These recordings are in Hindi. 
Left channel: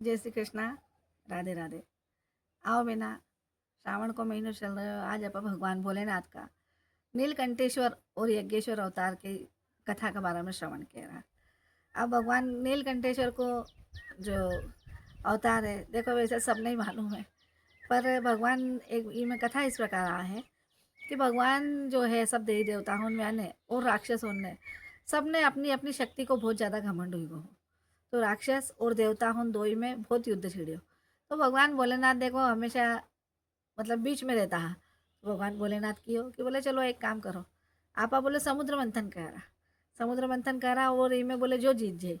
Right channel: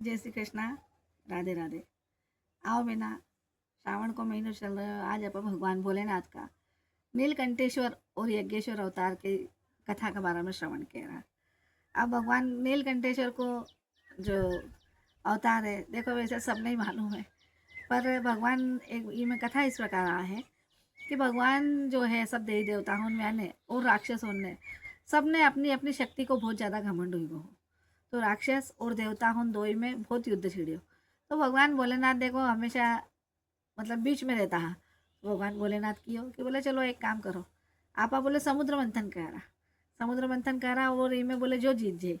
जय श्री कृष्णा। राधे राधे। आओ बेना, श्रावण को महीना चल रहा है। आज अपन भगवान भोलेनाथ का नीलकंठेश्वर और यज्ञेश्वर अवतार की कथा के बारे में श्रवण किया रहा। अब भगवान नीलकंठेश्वर को जो अवतार है, देखो वैसे सब नहीं मालूम है, पर भगवान एक में कथा इस प्रकार आ है कि भगवान जो है सब देवी देवताओं में ने और राक्षसों ने सब ने अपनी अपनी शक्ति को बहुत ज़्यादा घमंड हुई हो। तो राक्षस और देवता उन दो ही में बहुत युद्ध छिड़ियो। तो भगवान भोलेनाथ देखो हमेशा मतलब बीच में रहता है। तो भगवान भोलेनाथ की हो कि बोले चलो एक काम करो, आपा बोले समुद्र मंथन करा। समुद्र मंथन करा और इनमें बोले जो जीत जाए।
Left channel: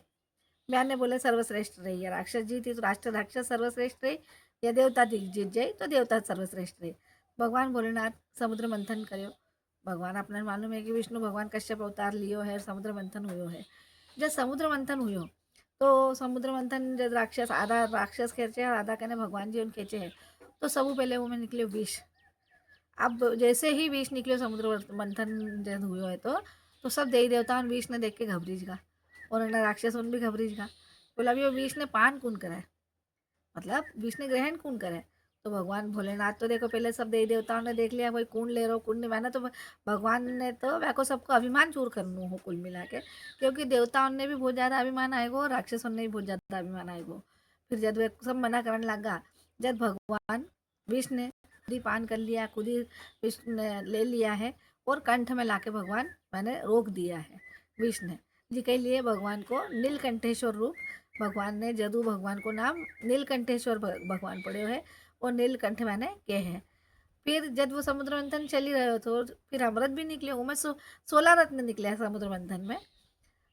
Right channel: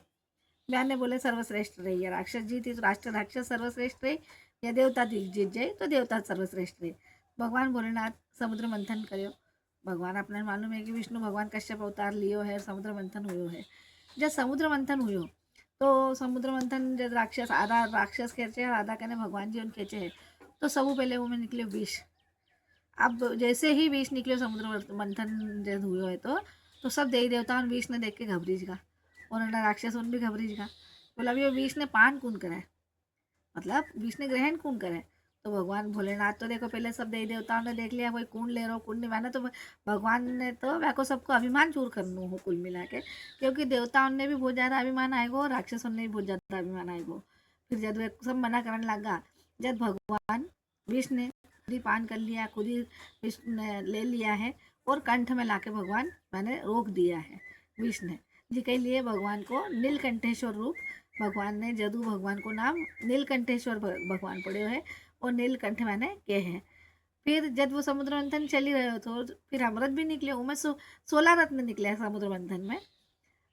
मैंने बोले सर्वश्रेष्ठ रही है, राक्षस जीती तो राष्ट्र राक्षस सर्वश्रेष्ठ रही, या देवता जीत जाए तो देवता सर्वश्रेष्ठ रही। भगवान भोलेनाथ समुद्र मंथन करो। भगवान अपने मालूम है कि विष्णु भगवान कश्यप अवतार लियो है, समुद्र मंथन हुयो है। जब समुद्र मंथन हुयो तो समुद्र मंथन जब राक्षस आधा राक्षस खेचे और आधा कहने भगवान जी उन खेचे है। तो सबू पहले वो में निकले विष। अब जैसे ही विष निकले समुद्र मंथन जब हुए है तो सब देवी देवता विष ने देख के घबरीज गा और राक्षस उन भी घबरीज गा। बोला अभी वो विष ने पान कौन करे, मतलब विष ने ग्रहण कौन करे। तो भगवान भोलेनाथ तो देखो पहले सब देवी देवताओं ने देख लिया कोई कौन ले रहा कौन नहीं माना। तो भगवान ने तो वह को सबको अभिमान चूर करना हो कुल मिला के, क्योंकि देवताओं ने भी बहुत ज़्यादा अभिमान आएगो और राक्षसों ने भी बहुत ज़्यादा अभिमान आएगो। फिर जब वे सब मना करने लगा, जब भगवान विष ने खुद ही पान कर लिया, खुद ही विष ने ले लिया है और कंठ में लाके भगवान मैंने रोक दिया है विष ने जी के लिए। भगवान को नीलकंठेश्वर रूप भगवान ने जदू भगवान को नाम नीलकंठेश्वर भगवान पड़े है और नीलकंठ मैंने के हैं। फिर जब वो समुद्र मंथन चल ही रहे हो तो फिर अमृत भी निकले, उनमें 16 रत्न निकले हैं समुद्र मंथन में।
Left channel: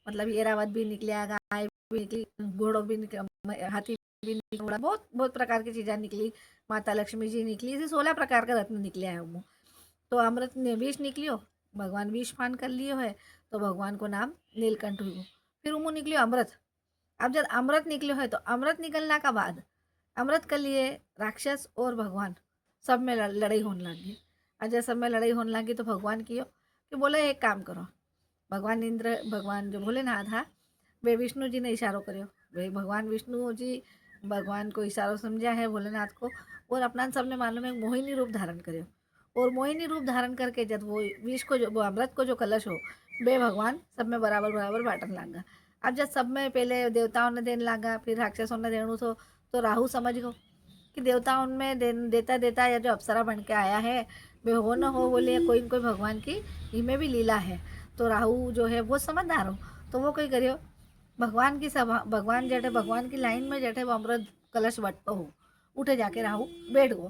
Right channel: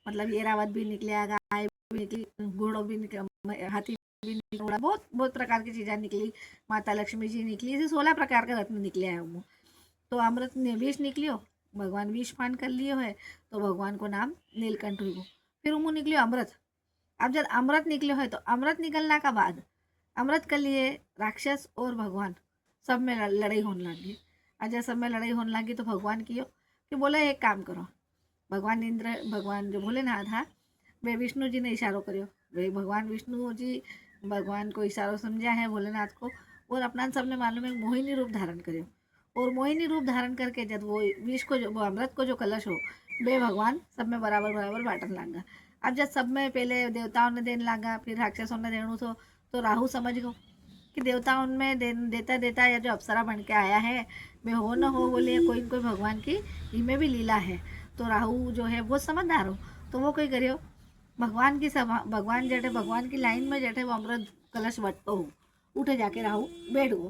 मतलब ऐरावत भी निकले, गाय भी निकली, घोड़ों भी निकले, हाथी भी निकला, बहुत बहुत प्रकार की चीज़ें निकली। माता लक्ष्मी जी निकली, ऐसे 16 प्रकार के रत्न निकले हैं वो। तो अमृत ने विष निकलियो, भगवान विष पान कर लियो है तो भगवान को नाम नीलकंठ हुई। फिर उमू निकलियो अमृत। अब जब अमृत निकले है तो अमृत निकलने का बाद अमृत के लिए राक्षस और भगवान सब में लड़ाई होने लगी। और जब सब में लड़ाई होने लगी तो भगवान कियो कि बोले एक काम करो। भगवान इंद्र भगवान जो भोलेनाथ था वे विष्णु जी ने इशारो करो। वे भगवान विष्णु जी भगवान को इशारो समझा है भोलेनाथ को, और अपना सबने मालूम है मोहिनी रूप धारण करो। और मोहिनी रूप धारण करके जब वो विष को जो वो अमृत को जो कलश हो वे भगवान सब में बराबर बराबर बांटने लगा। अब जब सब में पहले देवताओं ने देने लगा, फिर राक्षसों ने देने तो राहु समझ गो कि देवताओं में देता देता या जो अप्सरा बन के आया है वे हो न हो बोले कोई न कोई भगवान की इनमें भी लीला है। तो राहु जो है वो समझदार हो, तो वो कोई करियो भगवान की सभा भगवान जटे भगवान की लाइन में जटे वो अमृत कलश बटतो हो, उठे जाके राहु बैठ गो।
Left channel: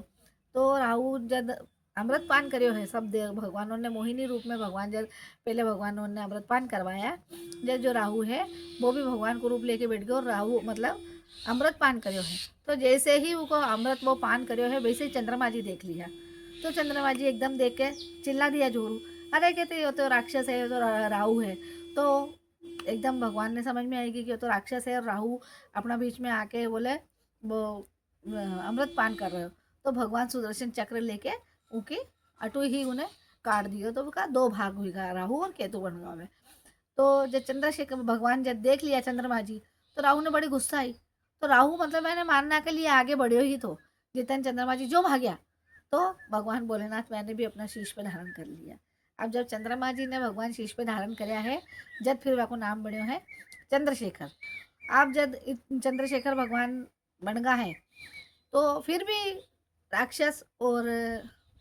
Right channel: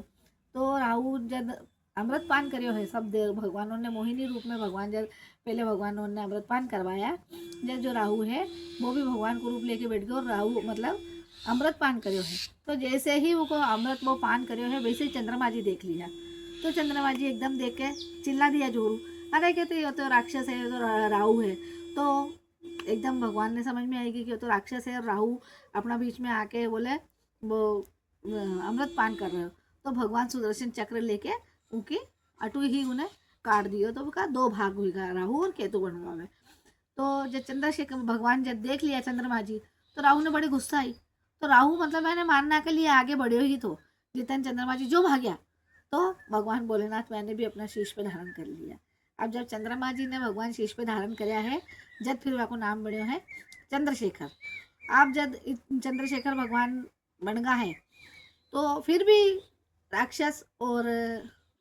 तो राहु जब अमृत पान करियो है सब देव भगवानों ने मोहिनी रूप में भगवान जब पहले भगवानों ने अमृत पान करवाया, जब जो राहु है वो भी भगवान को रूप लेके बैठ गया और राहु मतलब अमृत पान करियो है। तो जैसे ही वो अमृत वो पान करियो है वैसे ही चंद्रमा जी देख लिया। तो चंद्रमा जी एकदम देख के चिल्ला दिया जोरू, अरे कहते ये तो राक्षस है, ये तो राहु है। तो एकदम भगवान ने समझ में आएगी कि ये तो राक्षस है और राहु अपना बीच में आके बोले वो अमृत पान कर रहे हो। तो भगवान सुदर्शन चक्र लेके उनकी अटू ही उन्हें काट दिया। तो उनका दो भाग हुई राहु और केतु बनवा में। तो जब चंद्रशेखर भगवान जब देख लिया चंद्रमा जी तो राहु ने बड़ी गुस्सा आई। तो राहु मतलब मैंने मानना के लिए आगे बढ़े ही तो जितन चंद्रमा जी जो भाग्या। तो भगवान भोलेनाथ मैंने भी अपना शीश पे धारण कर लिया। अब जब चंद्रमा जी ने भगवान शीश पे धारण कराया है जब फिर को नाम बढ़िया है चंद्रशेखर। अब जब चंद्रशेखर भगवान बन गया है तो फिर भी राक्षस और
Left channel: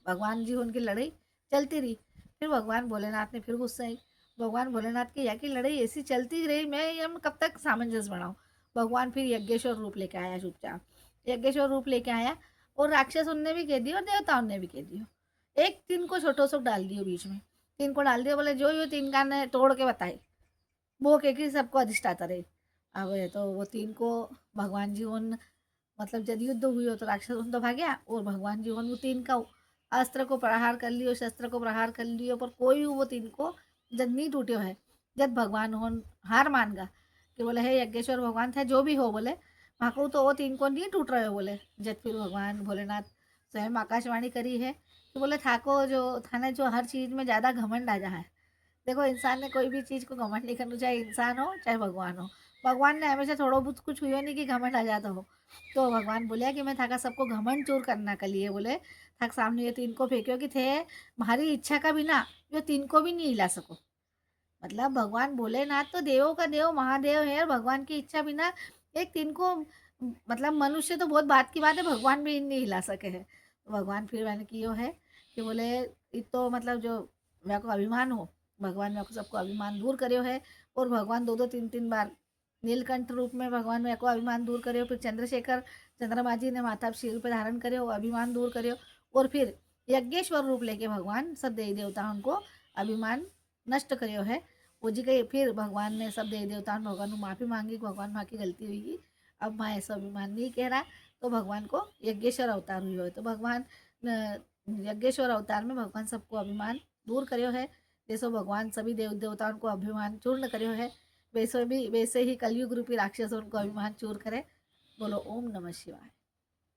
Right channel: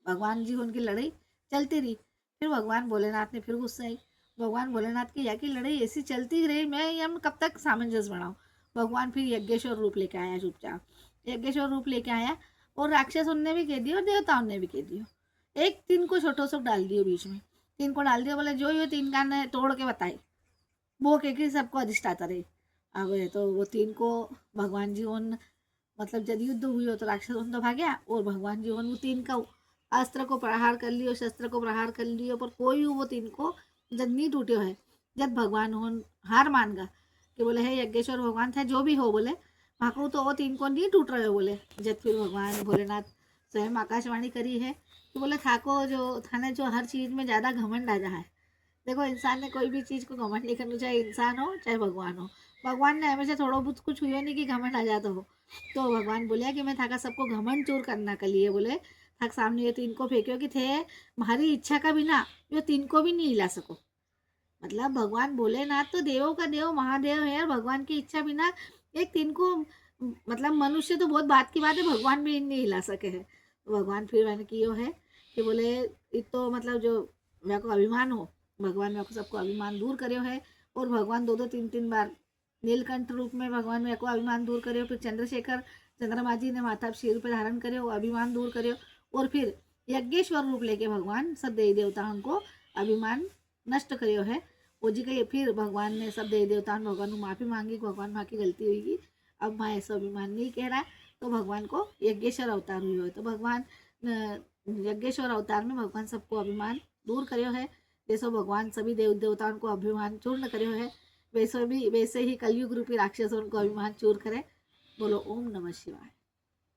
भगवान जी उनकी लड़ाई चलती रही। फिर भगवान भोलेनाथ ने फिर गुस्सा आई। भगवान भोलेनाथ की या की लड़ाई ऐसी चलती रही, मैं ये कब तक सामंजस्य बनाऊँ। भगवान फिर यज्ञेश्वर रूप लेके आया चुपचाप, यज्ञेश्वर रूप लेके आया और राक्षस उनने भी कह दिया और देवताओं ने भी कह दिया। एक तीन को छोटो सो डाल दियो बीच में, तीन को डाल दिया, बोले जो ये तीन का ने तोड़ के बताए वो कह के सबको अधिष्ठाता रहे। अब तो वो तीन को भगवान जी उन मतलब जब युद्ध हुई हो तो राक्षस उन तो भाग्या और भगवान जी उन वो तीन का अस्त्र को प्रहार कर लियो, शस्त्र को प्रहार कर लियो, पर कोई वो तीन को जब नहीं टूटियो है। जब भगवान उन हार मान गा कि बोले है यज्ञेश्वर भगवान थे जो भी हो बोले भाकू तो वो तीन को नहीं टूट रहे हो बोले। जब फिर भगवान भोलेनाथ स्वयं आकाशवाणी करी है कि बोले थाको जो थाने जो हर चीज़ में ज़्यादा घमंड आ जा है। देखो इंसान ने कोई भी चीज़ को घमंड नहीं करना, चाहे इंसान हो चाहे भगवान हो, भगवान ने हमेशा थोड़ा बहुत कुछ हुआ नहीं कि घमंड आ जाता हो। तो भगवान बोले कि मैं थाका सबको घमंड चूर करना के लिए बोले थाक सामने ये तीन को फेंक्यो कि थे तुम्हारी इच्छा का बिना जो तीन को भी नहीं हिला सको। मतलब भगवान भोलेनाथ तो देवों का देव महादेव है और भगवान की इच्छा बिना एक तीन को मतलब मनुष्य तो बहुत बात की बात है, भगवान भी नहीं हिला सके है। भगवान फिर मैंने कियो है कि बोले ये तो मतलब जो मेरे को अभिमान हो, भगवान मेरे को सबको अभिमान दूर करियो है। और भगवान दो दो तीन तीन बार नीलकंठ रूप में भगवान मेरे को अभिमान दूर करियो, फिर चंद्रशेखर चंद्रमा जी ने माथा शील पर धारण करियो अभिमान दूर करियो। और फिर यज्ञेश्वर रूप लेके भगवान सब देवी देवताओं को अभिमान नष्ट करियो है। वो जी के फिर भगवान ने सब देवी देवताओं ने भगवान को माफ़ी मांगी, भगवान माँ की गलती हुई अब मैं ऐसा अभिमान नहीं कह रहा। तो भगवान को यज्ञेश्वर अवतार हुई हो, तो भगवान यज्ञेश्वर अवतार में भगवान सबको अभिमान दूर करियो है। जैसे भगवान सभी देव देवताओं को अभिमान चूर्ण करियो है, वैसे ही कलयुग रूपी राक्षसों को अभिमान चूर करे। बोलो ओम नमः शिवाय।